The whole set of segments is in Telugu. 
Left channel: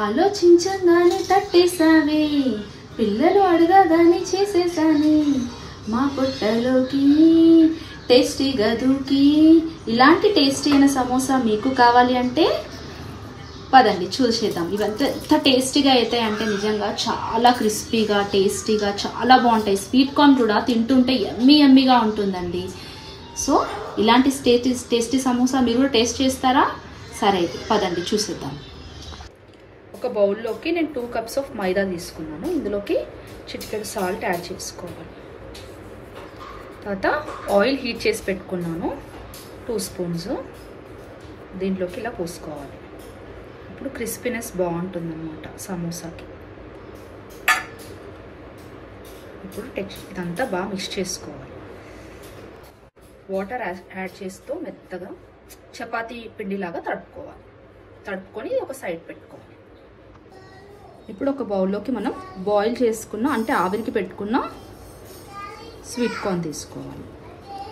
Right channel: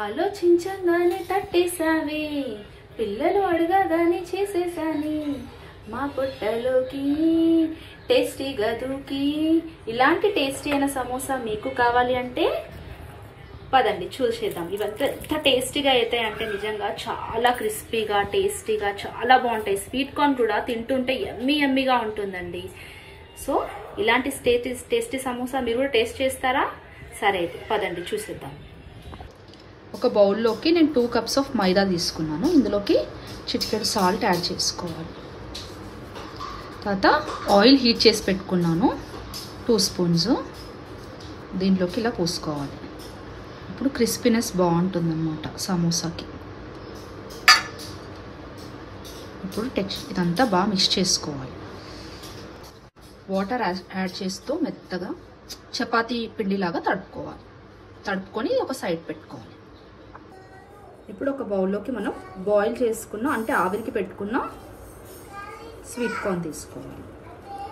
ఆలోచించగానే తట్టేసావే పిల్లలు అడగగానే చేసేసాని మా పొట్టలోకి టేస్టీగా దూకి. ఇలాంటి టేస్టీ అయిన సమోసా మీకు కావాలి అంటే పదండి చూసేద్దాం. ఇవంతా ఎంత టేస్టీగా అవుతాయి అంటే నిజంగా చాలా క్రిస్పీగా టేస్టీగా చాలా బాగుంటాయి. స్వీట్ కార్న్ కూడా తింటుంటే యమ్మీ యమ్మీగా ఉంటుందండి. సో ఇలాంటి టేస్టీ సమోసా మీరు కూడా టేస్ట్ చేస్తారా? సరే అయితే పదండి చూసేద్దాం. ఒక బౌల్లోకి నేను 2 కప్స్ ఆఫ్ మైదా తీసుకున్నాను. ఇందులోకి చిటికెడు సాల్ట్ యాడ్ చేసుకోవాలి. తర్వాత ఆయిల్ హీట్ చేసి పెట్టుకున్నాను 2 స్పూన్స్. దీంట్లోకి ఇలా పోసుకోవాలి. ఇప్పుడు క్రిస్పీనెస్ బాగుంటుంది అన్నమాట సమోసాకి. ఇప్పుడు ఇదంతా బాగా మిక్స్ చేసుకోవాలి. వాటర్ యాడ్ చేస్తూ మెత్తగా చపాతీ పిండిలాగా తడుపుకొని ఒక సైడ్ పెట్టుకోవాలి. ఇప్పుడు ఒక బౌల్లోకి మనం బాయిల్ చేసుకున్న అంటే ఆవిరికి పెట్టుకున్న స్వీట్ కార్న్ తీసుకోవాలి.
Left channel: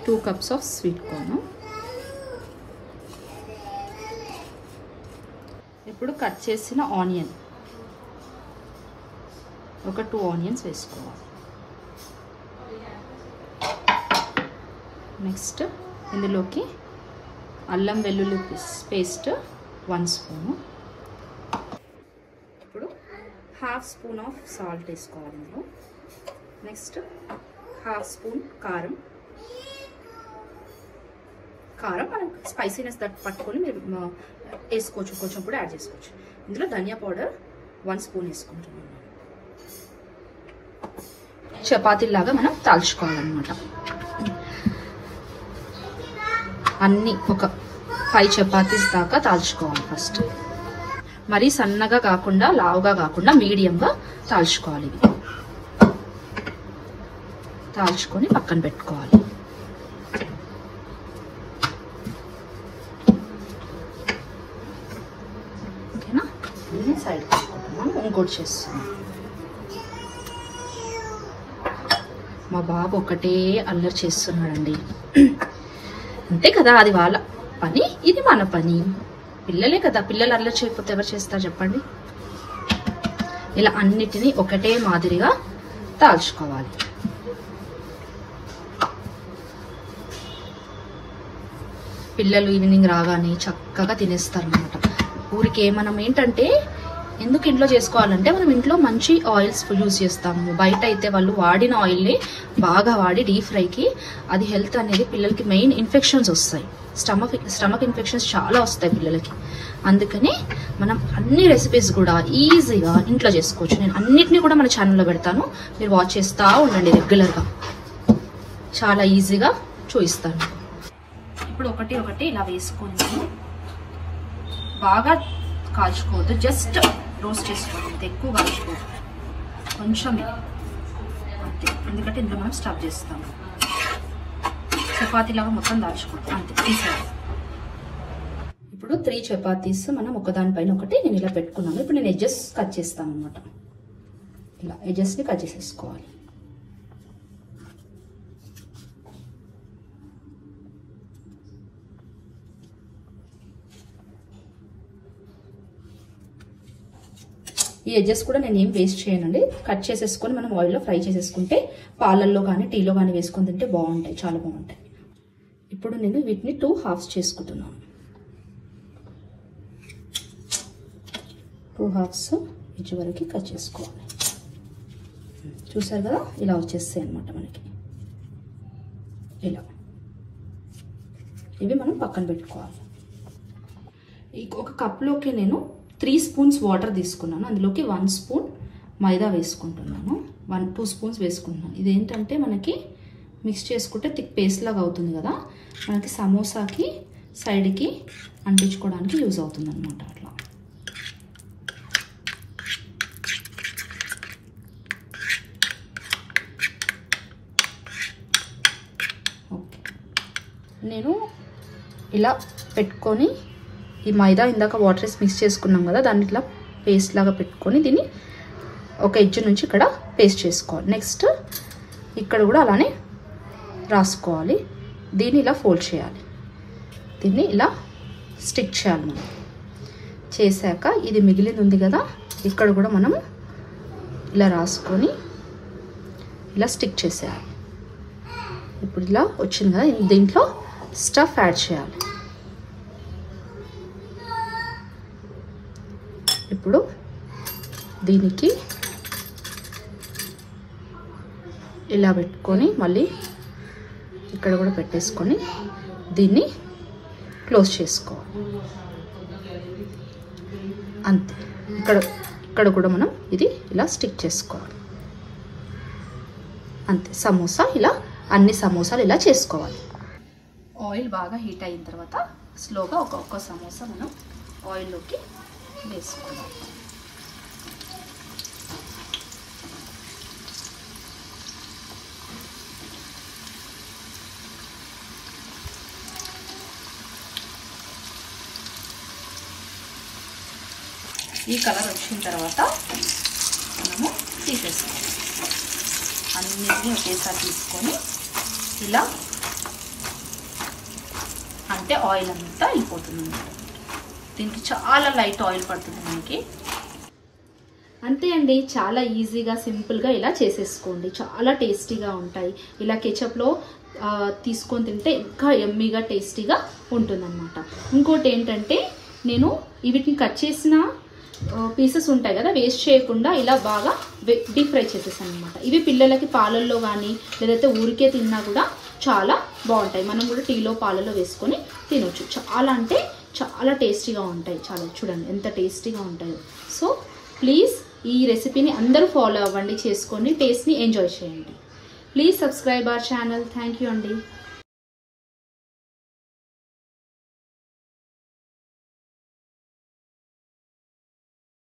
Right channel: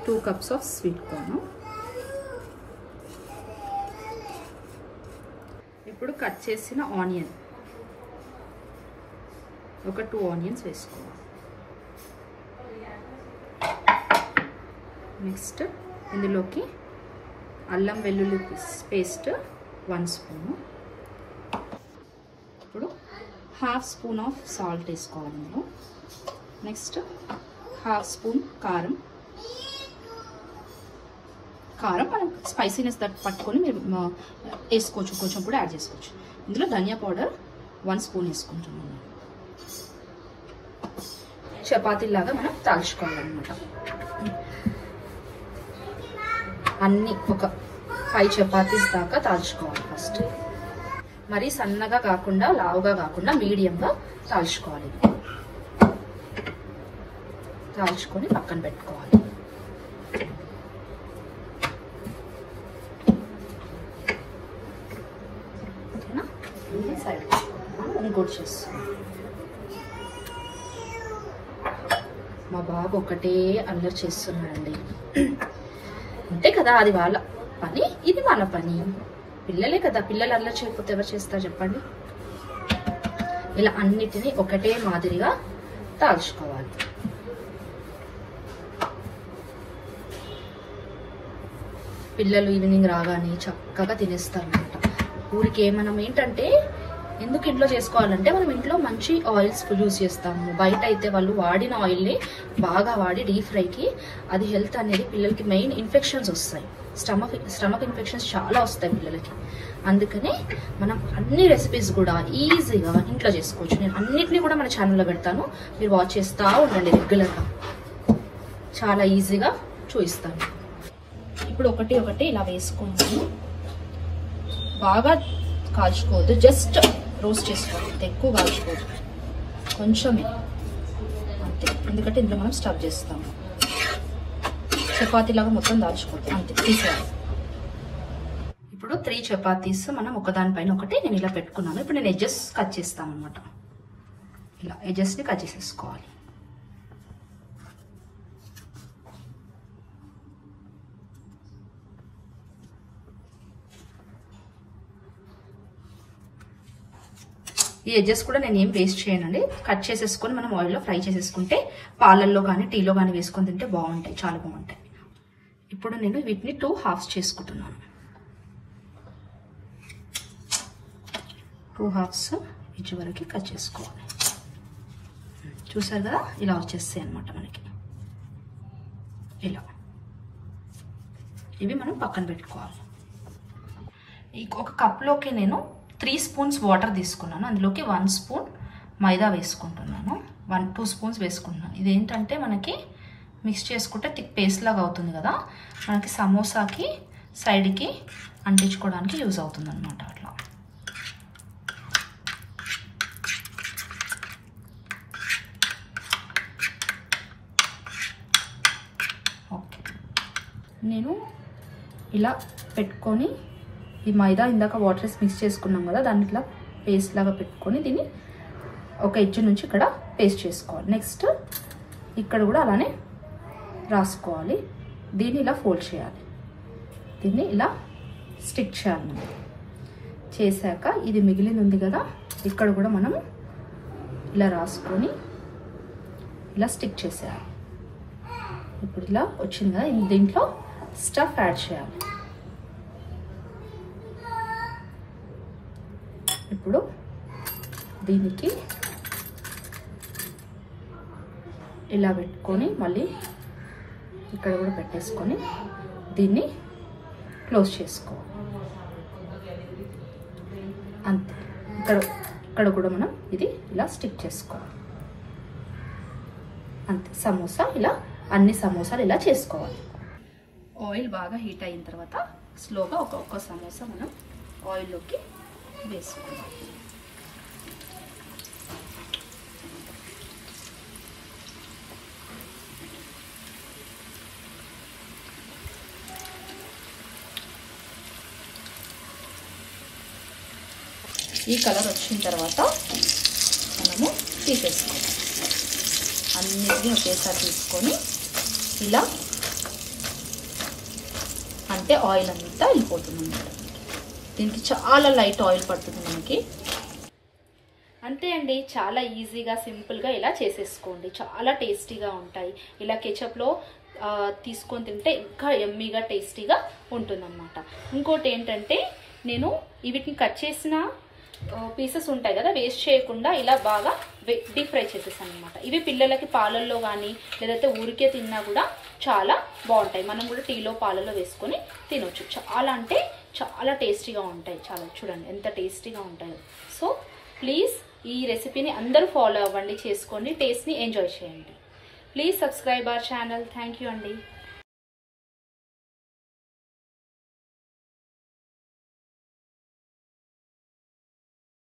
2 కప్స్ ఆఫ్ స్వీట్ కార్న్. ఇప్పుడు కట్ చేసిన ఆనియన్ ఒక 2 ఆనియన్స్ వేసుకోవాలి. నెక్స్ట్ ఇందులోకి అల్లం వెల్లుల్లి పేస్ట్ 1 స్పూను. ఇప్పుడు 1/2 స్పూన్ ఆఫ్ సాల్ట్ వేసుకోవాలి ఇందులో. నెక్స్ట్ 1/2 స్పూన్ కారం మనం స్పైసీనెస్ పట్టుకొని మీరు వేసుకోవచ్చు, కొంచెం కూడా యాడ్ చేసుకోవచ్చు. ఇందులో ధనియా పౌడర్ 1 స్పూన్ వేసుకుంటున్నాను. చపాతీలాగా మనం తాల్చుకోవాలన్నమాట. అన్నీ ఒక 5 చపాతీస్ దాకా తాల్చుకోవాలి. ఫస్ట్ మరీ సన్నగా కాకుండా లావుగా కాకుండా మీడియంగా తాల్చుకోవాలి. తాల్చుకొని పక్కన పెట్టుకోవాలి. ఓకేనా? సైడ్ ఇంకోటి చేస్తున్నాం. మా బాబు ఒకటే అల్లరి చేస్తున్నాడండి. అంతే కదా, అది వాళ్ళ పని, ఇది మన పని. పిల్లలే కదా, పిల్లలు అల్లరి చేయకపోతే ఎవరు చేస్తారు చెప్పండి. ఇలా అన్నిటినీ ఒకటే మాదిరిగా తాల్చుకోవాలి. పిల్లలు ఈవినింగ్ రాగానే చక్కగా తినేస్తారు అన్నమాట. ఊరికే మనం ఏంటంటే ఎందుకు ఇంట్లో చేసుకోవాలంటే మనం ఇంట్లో మంచి ఆయిల్స్ యూజ్ చేస్తాము. బయట అయితే వాళ్ళు వాడిన ఆయిల్ని బాగా వాడి డీప్ ఫ్రైకి అది హెల్త్ అనేది పిల్లలకి మెయిన్ ఇన్ఫెక్షన్స్ వస్తాయి. స్టమక్ ఇన్ఫెక్షన్స్ చాలా వస్తాయి పిల్లలకి. అందుకని మనం అన్ని రెసిపీస్ కూడా ఈజీగా ఇంట్లో చేసుకోవచ్చు. నేను అన్నిటినీ కూడా మన ఛానల్లో పెడతాను, మీరు వాచ్ చేస్తూ ఉండండి రెగ్యులర్గా. చాలా ఈజీగా చూపిస్తాను. ఇప్పుడు ఒకటి ఇలా వేసుకొని బాగా కాల్చుకోవద్దు, జస్ట్ రోస్ట్ చేసుకోవాలి. ఎక్కువ కాల్చుకోవద్దు, కొంచెమే అంతే. ఎందుకంటే ఇందులో మనం స్టఫ్ చేస్తాము. చపాతీలాగా మొత్తం దాల్చుకోవద్దు, అంతే తీసేయాలి. ఇప్పుడు 3 చపాతీస్ మనం ఒకదానిపైన ఒకటి నేను ఇలా పెట్టుకున్నాను. ఇప్పుడు నేను ఎడ్జెస్ కట్ చేస్తాను అనమాట. ఇలా ఎడ్జెస్ని కట్ చేసేసుకోవాలి. ఈ ఎడ్జెస్ కూడా నేను ఏం వేస్ట్ చేయనండి. కట్ చేసేసుకొని మనం ఆయిల్లో ఫ్రై చేసేసుకుంటే పాలల్లో కానీ టీలో కానీ వేసుకొని తింటే బాగుంటాయి, చాలా బాగుంటాయి. ఇప్పుడు నేను వీటిని 2 హాఫ్స్ చేసుకుంటున్నాను. 2 హాఫ్స్ ఇచ్చి వరకు కట్ చేసుకోవాలి. చూసారు కదా, ఇలా వచ్చేస్తాయి అన్నమాట మనకి. ఇలా ఇవి మనం పక్కన పెట్టుకోవాలి. ఒక కప్లోకి నేను 3 స్పూన్స్ వాటర్ తీసుకున్నాను. అందులోకి 1 స్పూన్ మైదా వేసుకుంటున్నాను. 2 స్పూన్స్ వేసుకుంటున్నాను. ఇదేంటంటే మనకి మిక్స్ చేసుకుంటే థిక్ పేస్ట్ లాగా అవుతుంది కదా, మనకి సమోసాకి సైడ్కి అంటించుకోవడానికి యూజ్ అవుతుంది అనమాట. అట్లా ఓకే. నేను ఇలా పెట్టుకొని ఈ మైదా ఇందాక వాటర్ వేసి మిక్స్ చేసుకున్నాం కదా, దాన్ని ఇట్లా పేస్ట్ లాగా పెట్టుకొని దీన్ని ఒక ఎడ్జ్ నుంచి ఇక్కడ పేస్ట్ చేసుకోవాలి. నెక్స్ట్ ఇక్కడ కూడా అలానే రాసుకోవాలి. దీన్ని ఇలా ఫోల్డ్ చేయాలి, దీన్ని ఇలా స్టిక్ చేయాలి. చేశాక ఇది మిగిలింది ఉంది కదా, ఇక్కడ కూడా మనం ఇలా రాసుకొని ఇలా స్టిక్ చేసేయాలి. ఇప్పుడు ఇలా వచ్చింది కదా, దీంట్లో స్టఫ్ యాడ్ చేయాలి. ఇప్పుడు దీనికి ఇలా పెట్టుకొని మళ్ళీ ఇక్కడ కూడా పెట్టేసుకొని దీన్ని క్లోజ్ చేసుకోవాలి. అంతే. ఇక్కడ కూడా మనం ఇది ఇలా స్టిక్ చేసుకోవాలి. అంతే. సమోసా ఇలా అన్ని సమోసాలు ఇలా చేసుకోవాలి. ఆయిల్ బాగా హీట్ అయిన తర్వాత స్లోగా ఒక్కొక్క సమోసా మనం ఆయిల్లోకి వేసుకోవాలి. ఈ కలర్ వచ్చిన తర్వాత మనము తీసేసుకోవాలి. అన్నిటినీ ఒకేసారి తీసుకొని ఇలా అంటే ఆయిల్ అంతా వెళ్ళిపోతుంది అన్నమాట. దీనికి చాలా లైట్ ఆయిల్ పడుతుంది మనకి. అంతే అండి, చాలా ఈజీగా సింపుల్గా ఇలా చేసేసుకోండి. చాలా టేస్టీగా ఉంటాయి. ఇలా కెచప్లో తీసుకొని తింటే ఇంకా యమ్మీగా టేస్టీగా ఉంటుందన్నమాట. ఇంకోటి ఏంటంటే, నేను వీటిని కట్ చేసిన పీసెస్ ఉంటాయి కదా, వేస్ట్ చేయకుండా ఇలా బాగా డీప్ ఫ్రై చేసేసాను అనమాట. ఇవి పిల్లలకి పాలల్లో కానీ లేదంటే ఊరికే తిన్నా కూడా చాలా బాగుంటాయి. మనం కూడా టీలో పాలల్లో వేసుకొని తినొచ్చు. చాలా అంటే చాలా టేస్టీగా ఉంటాయి. చాలా చూడండి ఎంత టేస్టీగా ఉంటాయో. సో ప్లీజ్ ఈ రెసిపీని అందరూ ఫాలో అవ్వండి, చేసుకోండి, టేస్ట్ని ఎంజాయ్ చేయండి. Please subscribe our channel. Thank you అండి.